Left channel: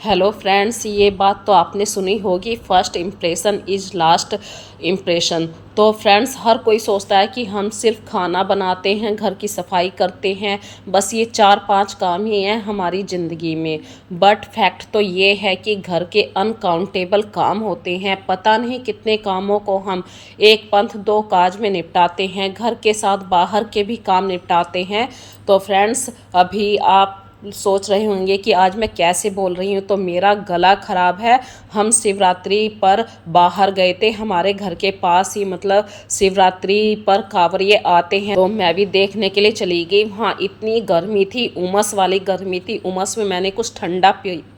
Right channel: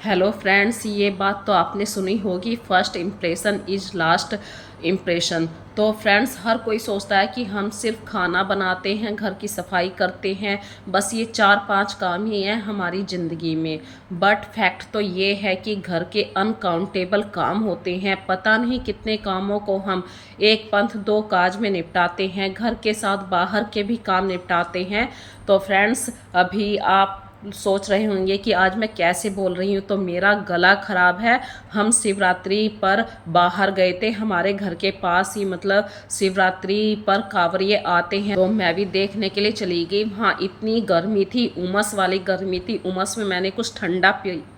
Hello friends, ये बात तो आपने सुनी होगी, first impression is last impression. तो फ्रेंड्स, हर कोई सोचता है कि हम सिर्फ खाना बनाते हैं, घर की सफाई करते हैं, बस ये 4-5 काम ही हैं हमारी ज़िंदगी में। बट फैक्ट तो ये है कि घर के अनकाउंटेबल काम होते हैं। पता नहीं कितने कामों को हम एक पंथ दो काज में निपटाते हैं, घर के साथ बाहर के भी काम निपटाते हैं। तो फ्रेंड्स, अभी आप सोच रहे होंगे कि आज मैं कैसे बोल रही हूँ, तो मेरा गला ख़राब है। हम शिवरात्रि पर बाहर गए थे, हमारे घर के पास ही, मतलब शिवरात्रि पर कांवरिये आते हैं, तो मैं भी देखने के लिए चली गई। हाँ, इतनी गर्मी थी, उमस वाली गर्मी थी। उमस में मैंने कुछ ठंडा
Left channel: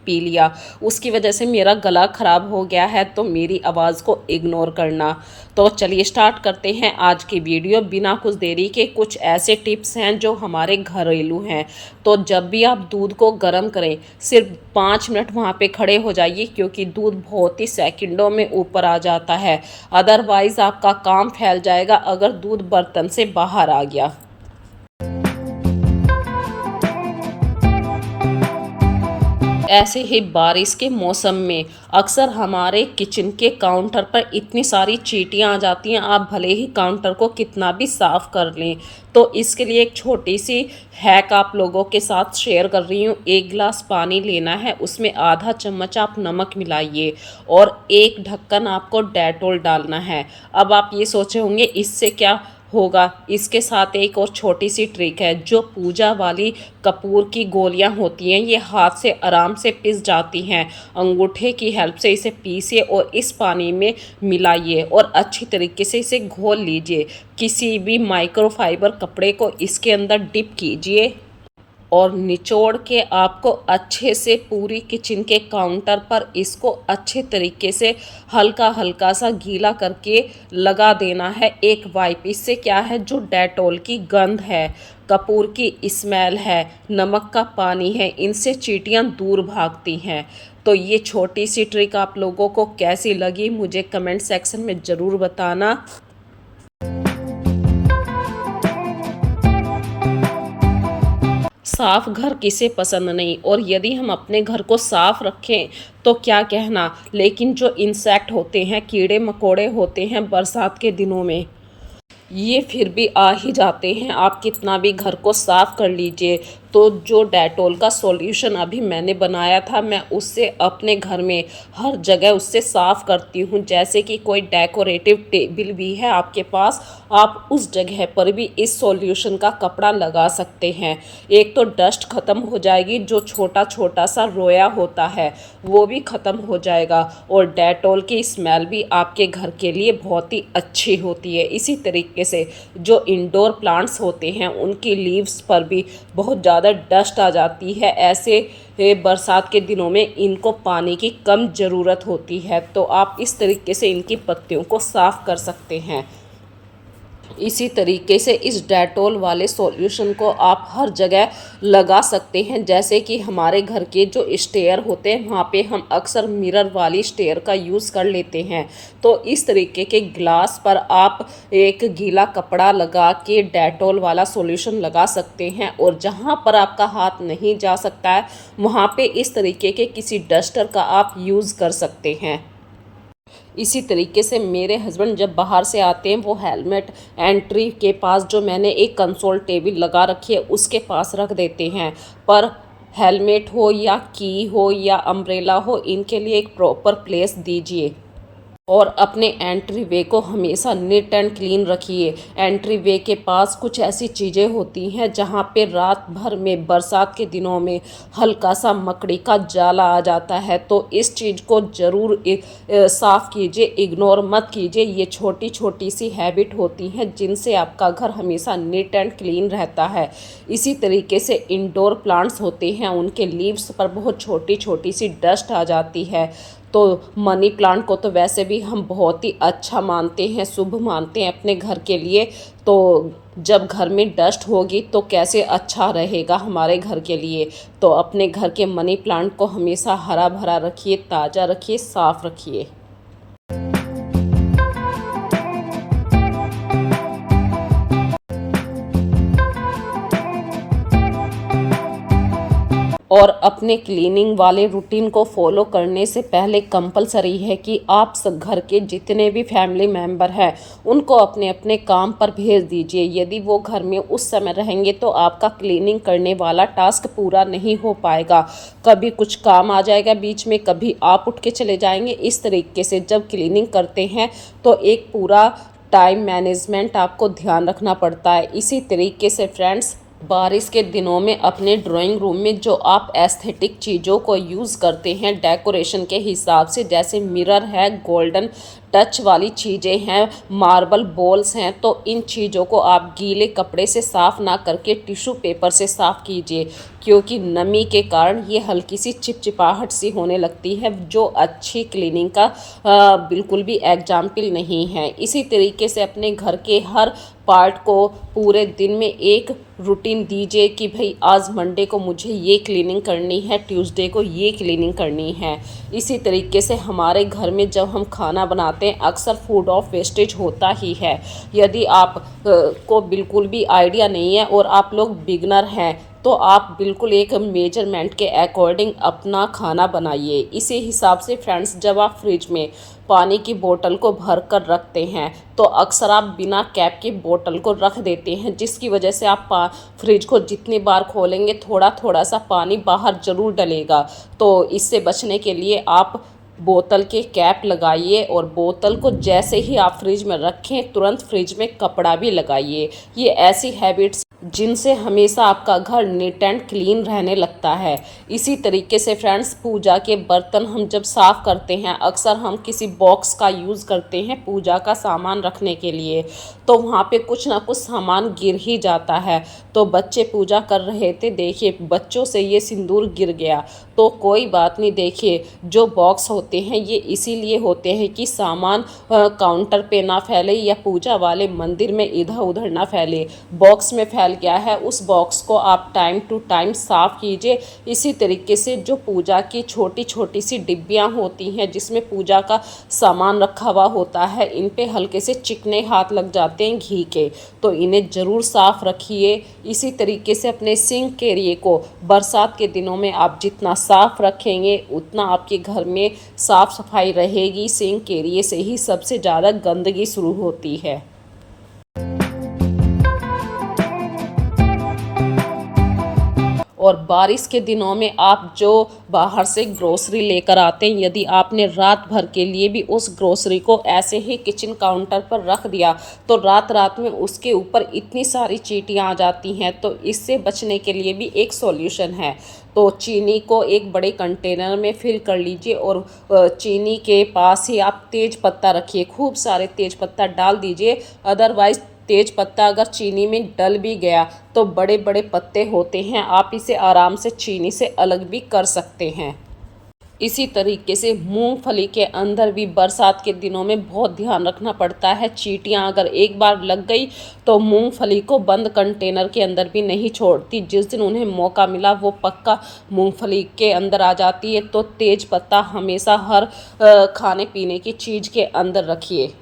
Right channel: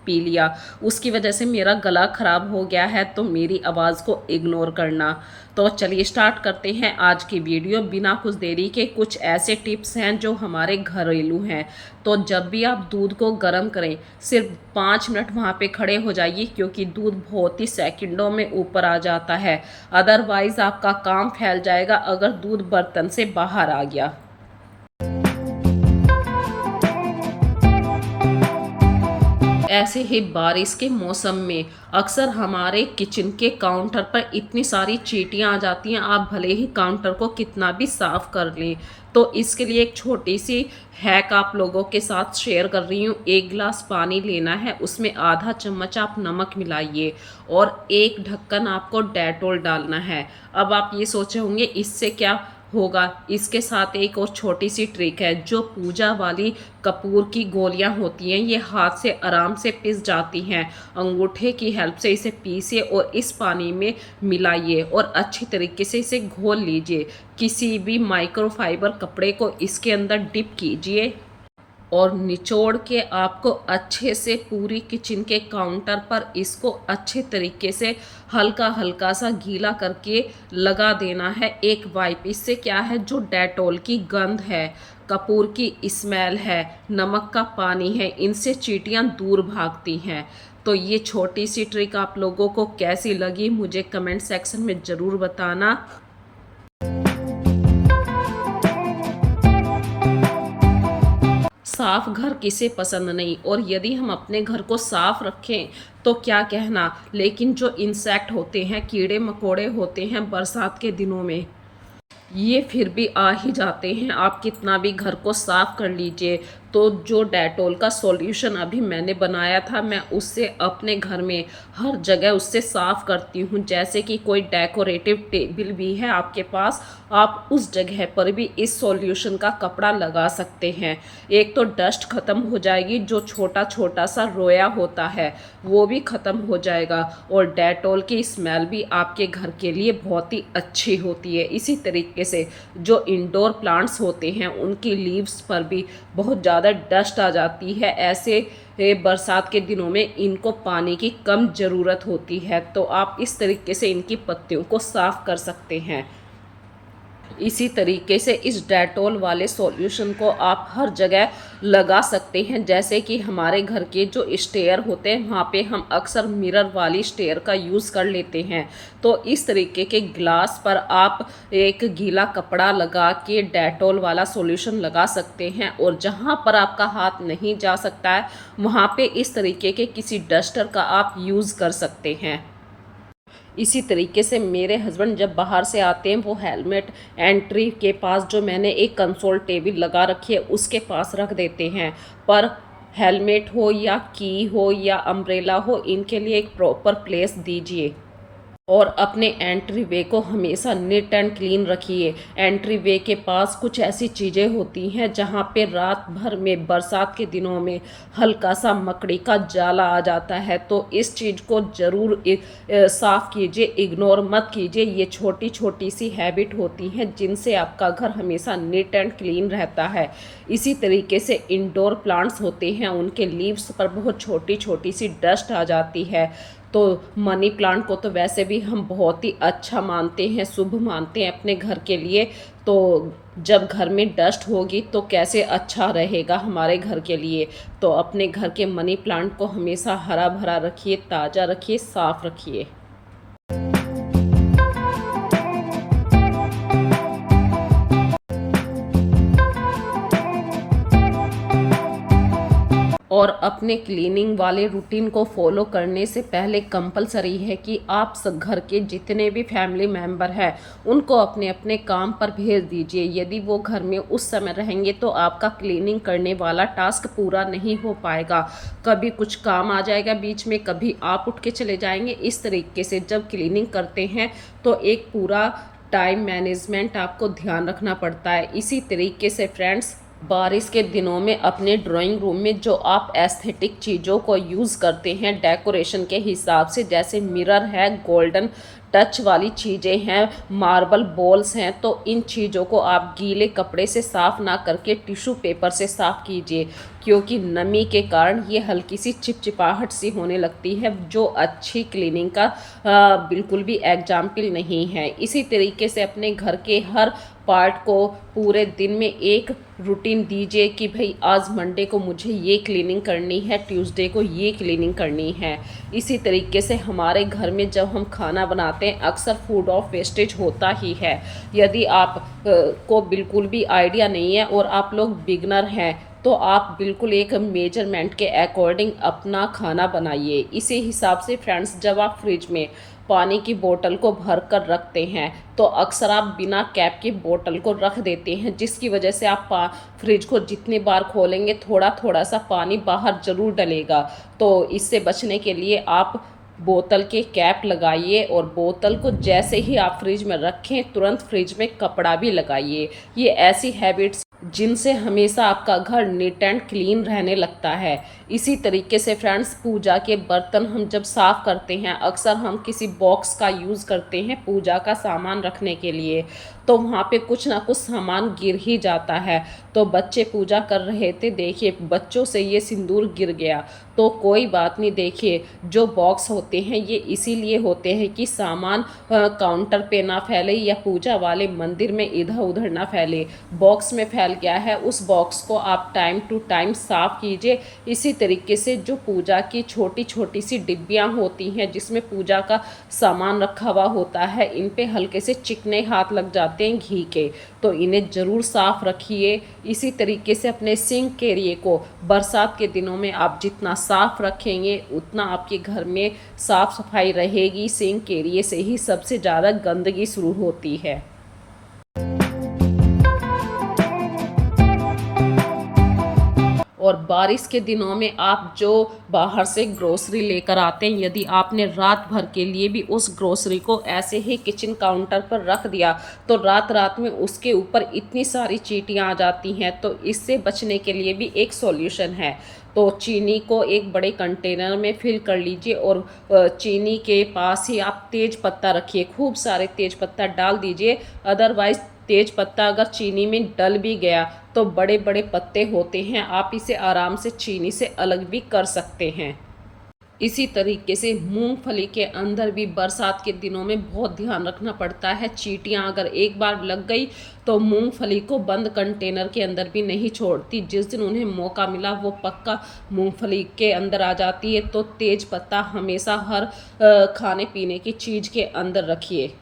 पी लिया, उसकी वजह से मेरा गला ख़राब हो गया है, तो मेरी आवाज़ को इग्नोर करना। तो चलिए स्टार्ट करते हैं आज की वीडियो बिना कुछ देरी के। कुछ ऐसे टिप्स हैं जो हमारे घरेलू हैं। तो जब भी आप दूध को गर्म करें, सिर्फ 5 मिनट वहाँ पे खड़े हो जाइए, क्योंकि दूध बहुत ही सेकंडों में ऊपर आ जाता है। अदरवाइज़ आपका काम फैल जाएगा अगर दूध बर्तन से बाहर आ गया। ऐसे ही बारिश के मौसम में अक्सर हमारे किचन के काउंटर पर इतनी सारी चींटियां आ जाती हैं, आप भले ही काउंटर को कितना भी साफ़ कर लें। तो इसके लिए एक छोटी सी हैक आप लोगों के साथ शेयर कर रही हूँ। 1 गिलास पानी लेना है, उसमें आधा चम्मच आप नमक मिलाइए और एक ढक्कन आपको डेटॉल डालना है। अब आप ये सोचे होंगे इससे क्या होगा। इसके साथ एक और छोटी सी ट्रिक है। जो पूजा वाली कपूर की गोलियां होती हैं, ये हाथ से आराम से पिस जाती हैं। अंगूठे की हेल्प से इसे पीसिए और इस पानी में मिलाइए और अच्छी तरीके से इसे घोल लीजिए। किसी भी माइक्रोफाइबर कपड़े को इसके अंदर डिप कीजिए और निचोड़ के आपको अच्छे से पूरी किचन के काउंटर पर इसको अच्छे तरीके से हल्का हल्का सा गीला करके लगा देना है एक वाइप। इससे क्या है, जो डेटॉल की गंध है, कपूर की स्मेल है, नमक का पानी है, इनसे चींटियां दूर भागती हैं। तो ये छोटी सी ट्रिक आप लोगों को कैसी लगी मुझे कमेंट सेक्शन में ज़रूर बताना। साफ घर किसे पसंद नहीं, और यदि हम अपने घर को साफ रखें तो क्या कहना। लेकिन जो इंसेक्ट होते हैं, कीड़े मकोड़े होते हैं बरसात के दिनों में, ये फिर भी आ ही जाते हैं। आप कितना भी घर को साफ़ कर लीजिए। तो जो डेटॉल का सॉल्यूशन अभी मैंने बनाया था, मैं उससे अपने घर में हर जगह उससे साफ़ करती हूँ। जैसे कि कोई डेकोरेटिव टेबल भी है आपके पास, आप उस जगह पर भी इस सॉल्यूशन का कपड़ा लगा सकते हैं। एक तो डस्ट ख़त्म हो जाएगी, जो छोटा छोटा सा रोया होता है वो भी ख़त्म हो जाएगा, और डेटॉल की स्मेल भी आपके घर के लिए बहुत ही अच्छी होती है। इसी तरीके से जो इंडोर प्लांट्स होते हैं, उनकी लीव्स पर भी बहुत ज़्यादा डस्ट आ जाती है। ऐसे बरसात के दिनों में इनको पानी की कम ज़रूरत होती है, तो आप इस तरीके से इनकी पत्तियों को साफ़ कर सकते हैं। इसी तरीके से इस डेटॉल वाले सॉल्यूशन को आप हर जगह लगा सकते हैं। जैसे कि हमारे घर के जो स्टेयर होते हैं, वहाँ पे हम अक्सर मिरर वाली स्टेयर का यूज़ कर लेते हैं। तो इस तरीके के ग्लास पर आप एक गीला कपड़ा लगा के डेटॉल वाला सॉल्यूशन लगा सकते हैं, और जहाँ पर आपका हाथ नहीं जा सकता है, वहाँ पे इस तरीके के किसी डस्टर का आप यूज़ कर सकते हैं। इसी तरीके से मेरे हस्बैंड जब बाहर से आते हैं, वो हेलमेट एंट्री के पास जो मैंने एक कंसोल टेबल लगा रखी है उसके पास रख देते हैं। पर हेलमेट हो या की हो या अम्ब्रेला हो, इनके लिए एक प्रॉपर प्लेस दीजिए। और अपने एंट्री वे को हमेशा नीट एंड क्लीन रखिए। एंट्री वे के पास कुछ ऐसी चीज़ें होती हैं जहाँ पे रात भर में बरसात के दिनों में हल्का सा मकड़ी का जाला आ जाता है, तो इस चीज़ को ज़रूर साफ़ कीजिए, इग्नोर मत कीजिए। ये छोटी छोटी सी हैबिट होती हैं जिनसे आपका घर हमेशा नीट एंड क्लीन रहता है। इसी तरीके से इंडोर प्लांट्स होते हैं, उनके लीव्स पर बहुत छोटी छोटी सी डस्ट आ जाती है। तो मनी प्लांट को तो वैसे भी हम बहुत ही अच्छा मानते हैं, शुभ मानते हैं अपने घर के लिए। तो जब घर में डस्ट होगी तो कैसे अच्छा रहेगा हमारे घर के लिए। तो अपने घर के मनी प्लांट को हमेशा हरा भरा रखिए, ताज़ा रखिए, साफ़ रखिए। और अपने क्लीनिंग वाले रूटीन को फॉलो करने से पहले कंपलसरी है कि आप घर के जितने भी फैमिली मेंबर हैं उनको अपने अपने काम पर भेज दीजिए। यदि वो घर में उस समय रहेंगे तो आपका क्लीनिंग करने वाला टास्क पूरा नहीं हो पाएगा। कभी कुछ काम आ जाएगा बीच में, कभी आप उठ के चले जाएंगे। इस तरीके से जब क्लीनिंग करते हैं तो एक पूरा टाइम मैनेजमेंट आपको ध्यान रखना पड़ता है। इसी तरीके से फ्रेंड्स, बारिश के दिनों में अपने ड्राइंग रूम में जो आप एस्थेटिक चीज़ों को यूज़ करते हैं डेकोरेशन के हिसाब से, जैसे मिरर है, गोल्डन टच वाली चीज़ें हैं, मार्बल बॉल्स हैं, तो इन चीज़ों को आप गीले कपड़े से साफ़ ना करके टिश्यू पेपर से साफ़ कीजिए, क्योंकि नमी के कारण ये हल्की सी चिपचिपाहट सी होने लगती है, जो अच्छी क्लीनिंग का बिल्कुल भी एग्जाम्पल नहीं है। इसी तरीके से अपने घर के हर पार्ट को पूरे दिन में एक रूटीन दीजिए कि भाई आज मंडे को मुझे ये क्लीनिंग करनी है, ट्यूसडे को ये क्लीनिंग करनी है। इसी तरीके से हमारे घर में जब हम खाना बनाते हैं अक्सर फूड ऑफ वेस्टेज होता ही है। यदि आप को बिल्कुल भी आइडिया नहीं है और आप लोग बिगनर हैं तो आप बिल्कुल एक मेजरमेंट के अकॉर्डिंग अपना खाना बनाइए। इसी हिसाब से फ्रेंड्स, जब आप फ्रिज में पानी की बोतल को भर कर रखते हैं तो अक्सर आप बिना कैप की बोतल को रख देते हैं, जिसकी वजह से आप फ्रिज को जितनी बार खोलेंगे थोड़ा थोड़ा सा पानी बाहर ज़रूर डलेगा। तो इससे बचने के लिए आप बोतल के कैप लगाइए और बोतल को जैसे ही आप फ्रिज में रखें तुरंत फ्रिज में कपड़ा भी लगाइए। ये ऐसी हैबिट्स जिनसे हमेशा आपका घर नीट एंड क्लीन रहने लगता है। इसी तरीके से फ्रेंड्स, पूजा के बर्तन हम जब साफ़ करते हैं अक्सर हम किसी बॉक्स का यूज़ करते हैं पूजा का सामान रखने के लिए, तो वहाँ पे कुछ ना कुछ सामान गिर ही जाता है। तो बच्चे पूजा कर रहे थे, देखिए बच्चों से ये सिंदूर गिर गया, तो कोई बात नहीं। देखिए जो बॉक्स होते हैं ये इसीलिए होते हैं कि सामान काउंटर पे ना फैले या पूजा वाले मंदिर में इधर उधर ना फैले। बॉक्स में फैल गया है, उस बॉक्स को आप टाइम टू टाइम साफ़ कीजिए। इसी तरीके से जो पूजा की छोटी छोटी सी डिब्बियाँ होती हैं जिसमें पूजा का सामान रखा हुआ होता है, इन पे हल्के से चिकने हाथ लग जाते हैं घी के, तो इन्हें ज़रूर साफ़ रखिए। इसी तरीके से अपने सिंक एरिया को बरसात के दिनों में आप जितना साफ़ रखेंगे उतना आपके घर में साफ़ सफाई रहेगी। सिंक एरिया से ही सबसे ज़्यादा गंदगी शुरू होती है। और बारिश के दिनों में आप जो बाहर से ग्रोसरी लेकर आते हैं, यदि आपने रात भर के लिए भी उस ग्रोसरी को ऐसे ही किचन काउंटर पर रख दिया तो रात रात में उसके ऊपर इतनी सारी चींटियां आ जाती हैं। तो इससे बचने के लिए भी एक सॉल्यूशन है। तो चीनी को एक बड़े कंटेनर में फिल कर लीजिए और चीनी के पास ही आप तेज पत्ता रखिए, खूब सारे तेज पत्ता डाल दीजिए। अदरवाइज़ तेज पत्ता अगर चीनी में डल भी गया तो बड़े बड़े पत्ते होते हैं, आप इसे आराम से चीनी से अलग भी कर सकते हैं। इसी तरीके से मूंगफली के अंदर भी बरसात के दिनों में बहुत ध्यान रखना पड़ता है। चींटियां अगर एक बार लग गई तो मूंगफली को बंद कंटेनर के अंदर भी नहीं छोड़ती, जिस दिन उन्हें मौका मिला वो पक्का मूंगफली के अंदर आ जाती है। तो तेज पत्ता हमेशा हर खाने पीने की चीज़ के अंदर रखिए।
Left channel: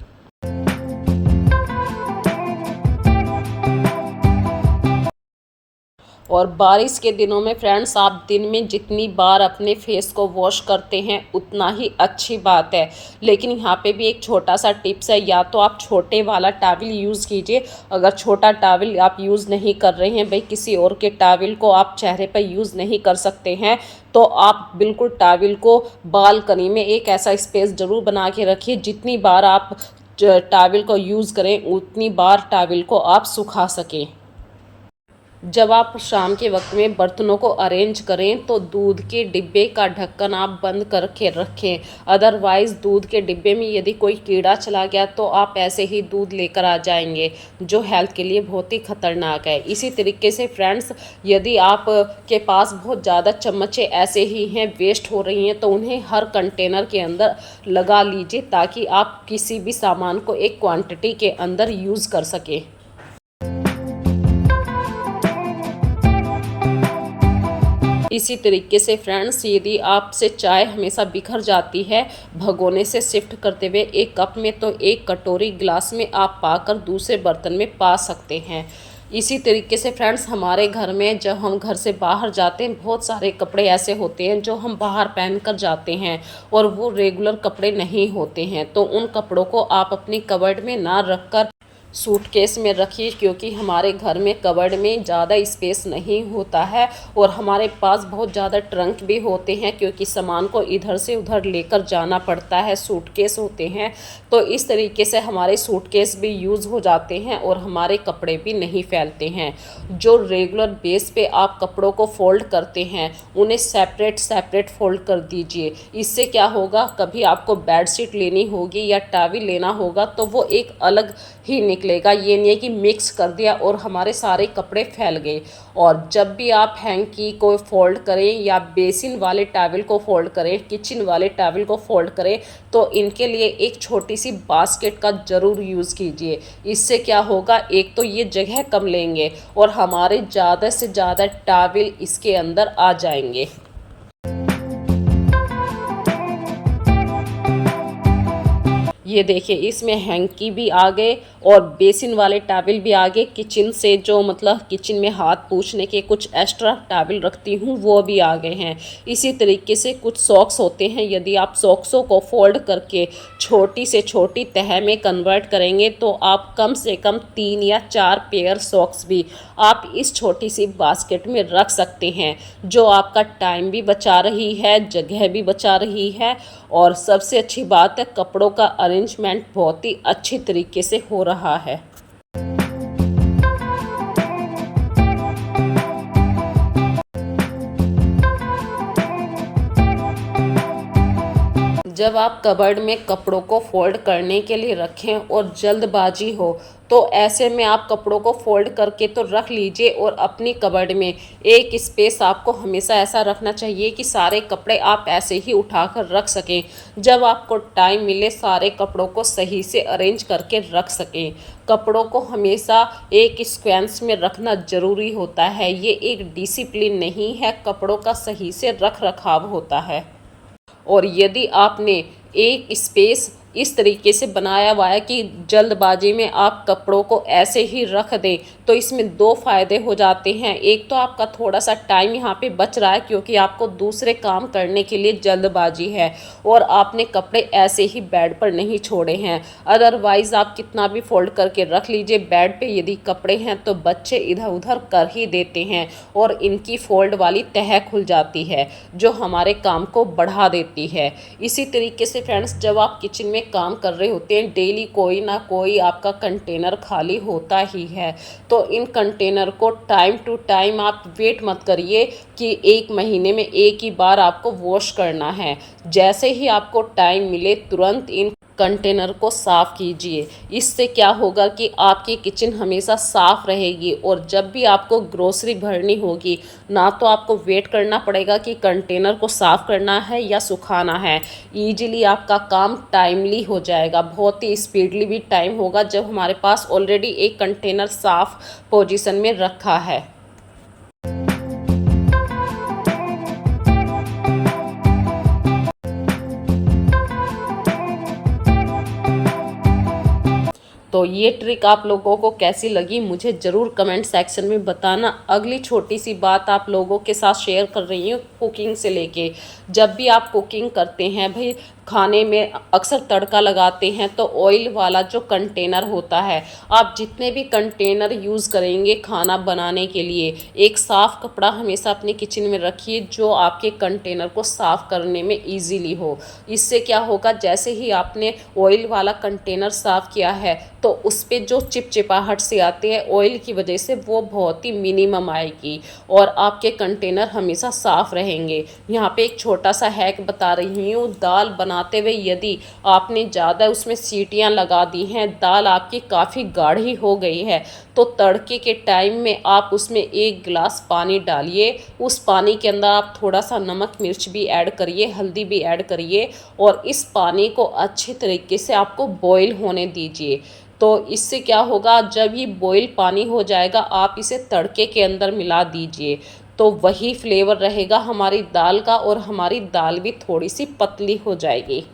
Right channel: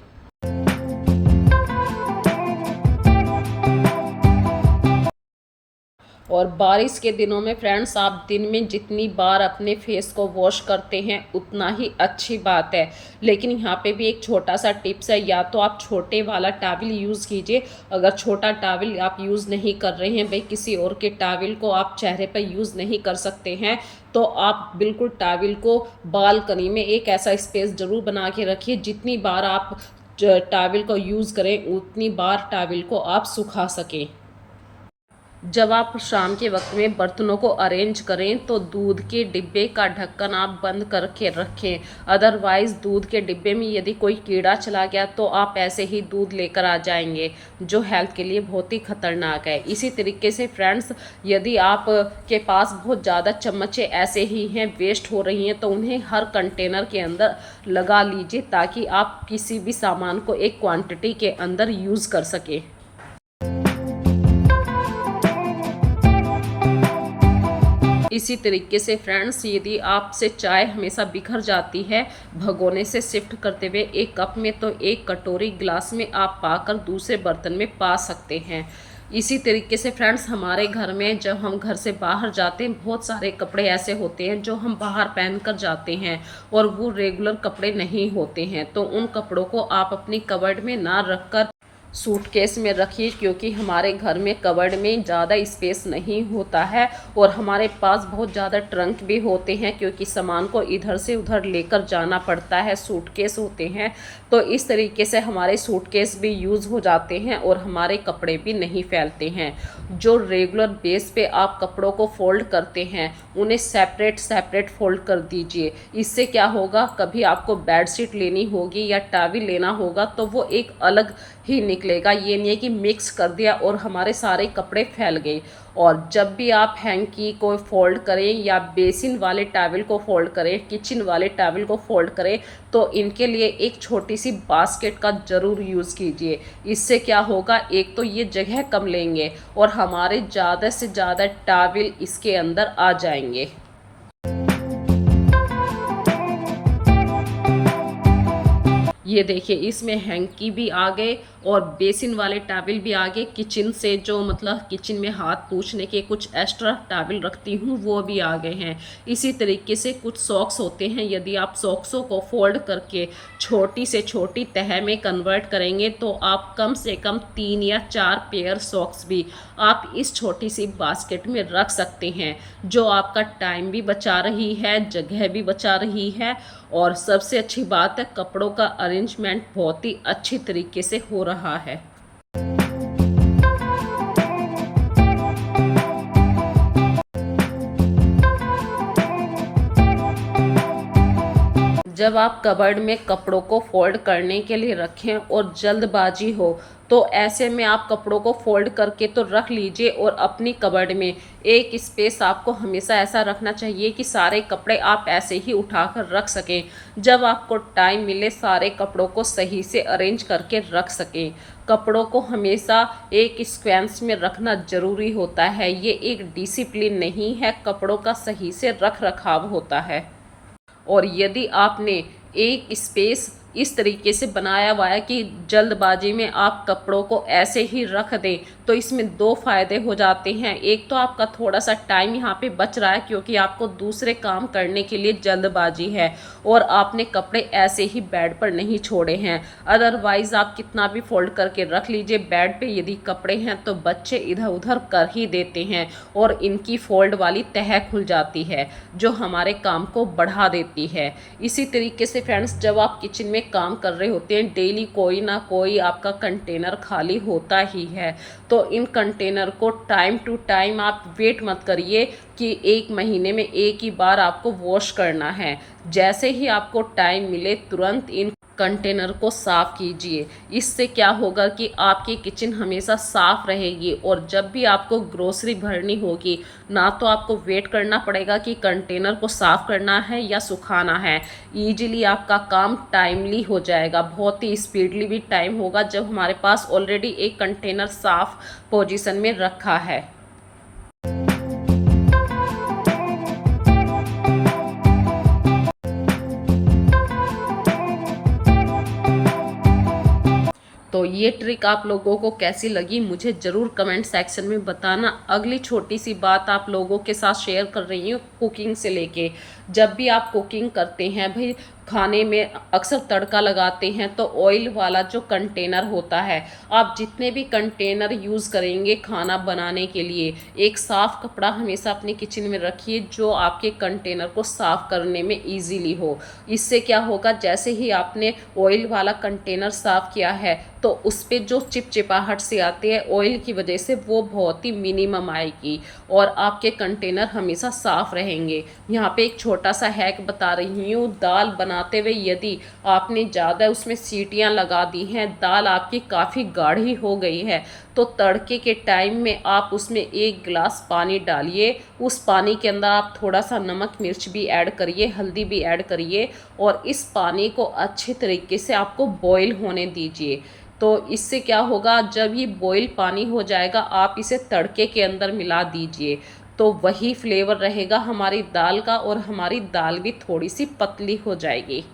और बारिश के दिनों में फ्रेंड्स, आप दिन में जितनी बार अपने फेस को वॉश करते हैं उतना ही अच्छी बात है। लेकिन यहाँ पे भी एक छोटा सा टिप्स है, या तो आप छोटे वाला टॉवल यूज़ कीजिए। अगर छोटा टॉवल आप यूज़ नहीं कर रहे हैं, भाई किसी और के टॉवल को आप चेहरे पर यूज़ नहीं कर सकते हैं, तो आप बिल्कुल टॉवल को बालकनी में एक ऐसा स्पेस ज़रूर बना के रखिए, जितनी बार आप टॉवल को यूज़ करें उतनी बार टॉवल को आप सुखा सकें। जब आप शाम के वक्त में बर्तनों को अरेंज करें तो दूध के डिब्बे का ढक्कन आप बंद करके रखें। अदरवाइज़ दूध के डिब्बे में यदि कोई कीड़ा चला गया तो आप ऐसे ही दूध लेकर आ जाएंगे, जो हेल्थ के लिए बहुत ही खतरनाक है। इसी तरीके से फ्रेंड्स, यदि आप के पास बहुत ज़्यादा चम्मचें ऐसे ही हैं वेस्ट हो रही हैं तो उन्हें हर कंटेनर के अंदर लगा लीजिए, ताकि आप किसी भी सामान को एक क्वांटिटी के अंदर यूज़ कर सकें। इसी तरीके से फ्रेंड्स, यदि आपसे चाय हमेशा बिखर जाती है भगोने से शिफ्ट करते हुए एक कप में, तो एक कटोरी ग्लास में आप पाकर दूसरे बर्तन में पा सकते हैं। इसी तरीके से फ्रेंड्स हमारे घर में जब हम घर से बाहर जाते हैं, बहुत सारे कपड़े ऐसे होते हैं जो हम बाहर पहन कर जाते हैं और वो रेगुलर कपड़े नहीं होते हैं। तो उन कपड़ों को आप अपनी कबर्ड में ना रख कर सूटकेस में रखिए, क्योंकि हमारे घर में कबर्ड में ज़्यादा स्पेस नहीं होता है और हमारे पास बहुत ज़्यादा ट्रंक भी होते हैं, क्योंकि सामान को इधर से उधर लेकर जाना पड़ता है। सूटकेस होते हैं, तो इस तरीके से हमारे सूटकेस भी यूज़ हो जाते हैं और हमारे कपड़े भी नहीं फैलते हैं। जो रेगुलर बेस पे आप कपड़ों को फोल्ड करते हैं, उन्हें सेपरेट सेपरेट फोल्ड कर दीजिए। इससे क्या होगा, कभी आपको बेडशीट लेनी होगी या टॉवल लेना होगा तो वो एक अलग ही निकलेगा। ये नहीं है कि मिक्स कर दिया और हमारे सारे कपड़े फैल गए। और जब भी आप हैंकी को फोल्ड करें या बेसिन वाले टॉवल को फोल्ड करें, किचन वाले टॉवल को फोल्ड करें, तो इनके लिए एक छोटी सी बास्केट का ज़रूर यूज़ कीजिए। इससे क्या होगा, एक तो ये जगह कम लेंगे और हमारे ज़्यादा से ज़्यादा टॉवल इसके अंदर आ जाएंगे। ये देखिए, इसमें हैंकी भी आ गए और बेसिन वाले टॉवल भी आ गए। किचन से जो मतलब किचन में हाथ पोंछने के कुछ एक्स्ट्रा टॉवल रखती हूँ वो भी आ गए हैं। इसी तरीके से कुछ सॉक्स होते हैं, यदि आप सॉक्सों को फोल्ड करके छोटी से छोटी तह में कन्वर्ट करेंगे तो आप कम से कम 3 या 4 पेयर सॉक्स भी आप इस छोटी सी बास्केट में रख सकते हैं, जो आपका टाइम भी बचा रही है, जगह भी बचा रही है और सबसे अच्छी बात है, कपड़ों का अरेंजमेंट बहुत ही अच्छी तरीके से हो रहा है। जब आप कबर्ड में कपड़ों को फोल्ड करने के लिए रखें और जल्दबाजी हो, तो ऐसे में आप कपड़ों को फोल्ड करके तो रख लीजिए और अपनी कबर्ड में एक स्पेस आपको हमेशा ऐसा रखना चाहिए कि सारे कपड़े आप ऐसे ही उठाकर रख सकें। जब आपको टाइम मिले सारे कपड़ों को सही से अरेंज करके रख सकें। कपड़ों को हमेशा एक सीक्वेंस में रखना ज़रूरी होता है। ये एक डिसिप्लिन नहीं है, कपड़ों का सही से रख रखाव होता है। और यदि आपने एक स्पेस इस तरीके से बनाया हुआ है कि जल्दबाजी में आप कपड़ों को ऐसे ही रख दें, तो इसमें 2 फ़ायदे हो जाते हैं। एक तो आपका थोड़ा सा टाइम यहाँ पे बच रहा है, क्योंकि आपको दूसरे काम करने के लिए जल्दबाजी है और आपने कपड़े ऐसे ही बेड पर नहीं छोड़े हैं। अदरवाइज़ आप कितना भी फोल्ड करके रख लीजिए, बेड पे यदि कपड़े हैं तो बच्चे इधर उधर कर ही देते हैं और इनकी फोल्ड वाली तह खुल जाती है, जो हमारे काम को बढ़ा देती है। इसी तरीके से फ्रेंड्स, जब आप किचन में काम कर रहे होते हैं, डेली कोई ना कोई आपका कंटेनर खाली होता ही है, तो इन कंटेनर को टाइम टू टाइम आप वेट मत करिए कि 1 महीने में एक ही बार आपको वॉश करना है। जैसे ही आपको टाइम मिले तुरंत इन कंटेनर को साफ़ कीजिए। इससे क्या होगा कि आपकी किचन हमेशा साफ़ रहेगी और जब भी आपको ग्रोसरी भरनी होगी, ना तो आपको वेट करना पड़ेगा कि कंटेनर को साफ़ करना है या सुखाना है। ईजिली आपका काम टाइमली हो जाएगा, बहुत ही स्पीडली भी टाइम होगा जब हमारे पास ऑलरेडी एक कंटेनर साफ़ पोजीशन में रखा है। तो ये ट्रिक आप लोगों को कैसी लगी मुझे ज़रूर कमेंट सेक्शन में बताना। अगली छोटी सी बात आप लोगों के साथ शेयर कर रही हूँ कुकिंग से लेके। जब भी आप कुकिंग करते हैं भाई, खाने में अक्सर तड़का लगाते हैं तो ऑयल वाला जो कंटेनर होता है, आप जितने भी कंटेनर यूज़ करेंगे खाना बनाने के लिए, एक साफ़ कपड़ा हमेशा अपने किचन में रखिए जो आपके कंटेनर को साफ़ करने में इजीली हो। इससे क्या होगा, जैसे ही आपने ऑयल वाला कंटेनर साफ़ किया है तो उस पर जो चिपचिपाहट से आती है ऑयल की वजह से, वो बहुत ही मिनिमम आएगी और आपके कंटेनर हमेशा साफ़ रहेंगे। यहाँ पे एक छोटा सा हैक बता रही हूँ। दाल बनाते हुए यदि आपने ज़्यादा उसमें सीटियाँ लगा दी हैं, दाल आपकी काफ़ी गाढ़ी हो गई है, तो तड़के के टाइम में आप उसमें 1 गिलास पानी डालिए। उस पानी के अंदर आप थोड़ा सा नमक मिर्च भी ऐड करिए, हल्दी भी ऐड करिए और इस पानी को अच्छी तरीके से आपको बॉईल होने दीजिए। तो इससे क्या होगा, जब ये बॉईल पानी हो जाएगा आप इसे तड़के के अंदर मिला दीजिए, तो वही फ्लेवर रहेगा हमारी दाल का और हमारी दाल भी थोड़ी सी पतली हो जाएगी।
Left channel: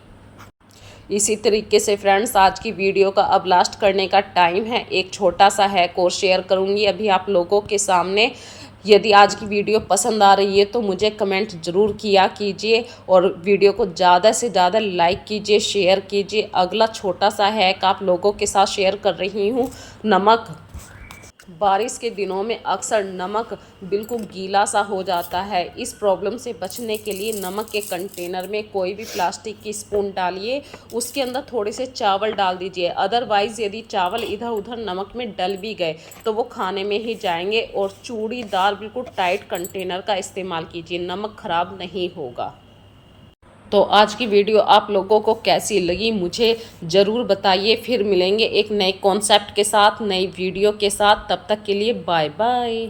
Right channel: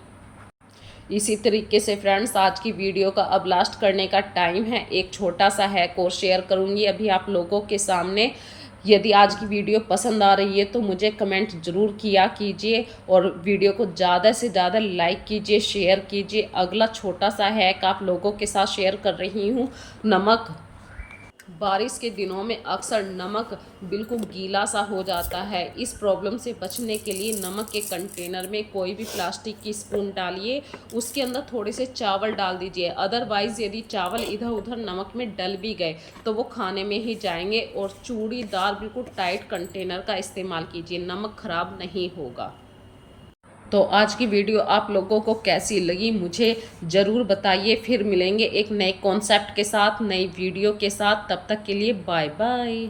इसी तरीके से फ्रेंड्स आज की वीडियो का अब लास्ट करने का टाइम है। एक छोटा सा हैक और शेयर करूँगी अभी आप लोगों के सामने। यदि आज की वीडियो पसंद आ रही है तो मुझे कमेंट ज़रूर किया कीजिए और वीडियो को ज़्यादा से ज़्यादा लाइक कीजिए, शेयर कीजिए। अगला छोटा सा हैक आप लोगों के साथ शेयर कर रही हूँ। नमक, बारिश के दिनों में अक्सर नमक बिल्कुल गीला सा हो जाता है। इस प्रॉब्लम से बचने के लिए नमक के कंटेनर में कोई भी प्लास्टिक की स्पून डालिए, उसके अंदर थोड़े से चावल डाल दीजिए। अदरवाइज़ यदि चावल इधर उधर नमक में डल भी गए तो वो खाने में ही जाएंगे। और चूड़ीदार बिल्कुल टाइट कंटेनर का इस्तेमाल कीजिए, नमक ख़राब नहीं होगा। तो आज की वीडियो आप लोगों को कैसी लगी मुझे ज़रूर बताइए। फिर मिलेंगे एक नए कॉन्सेप्ट के साथ, नई वीडियो के साथ। तब तक के लिए बाय बाय।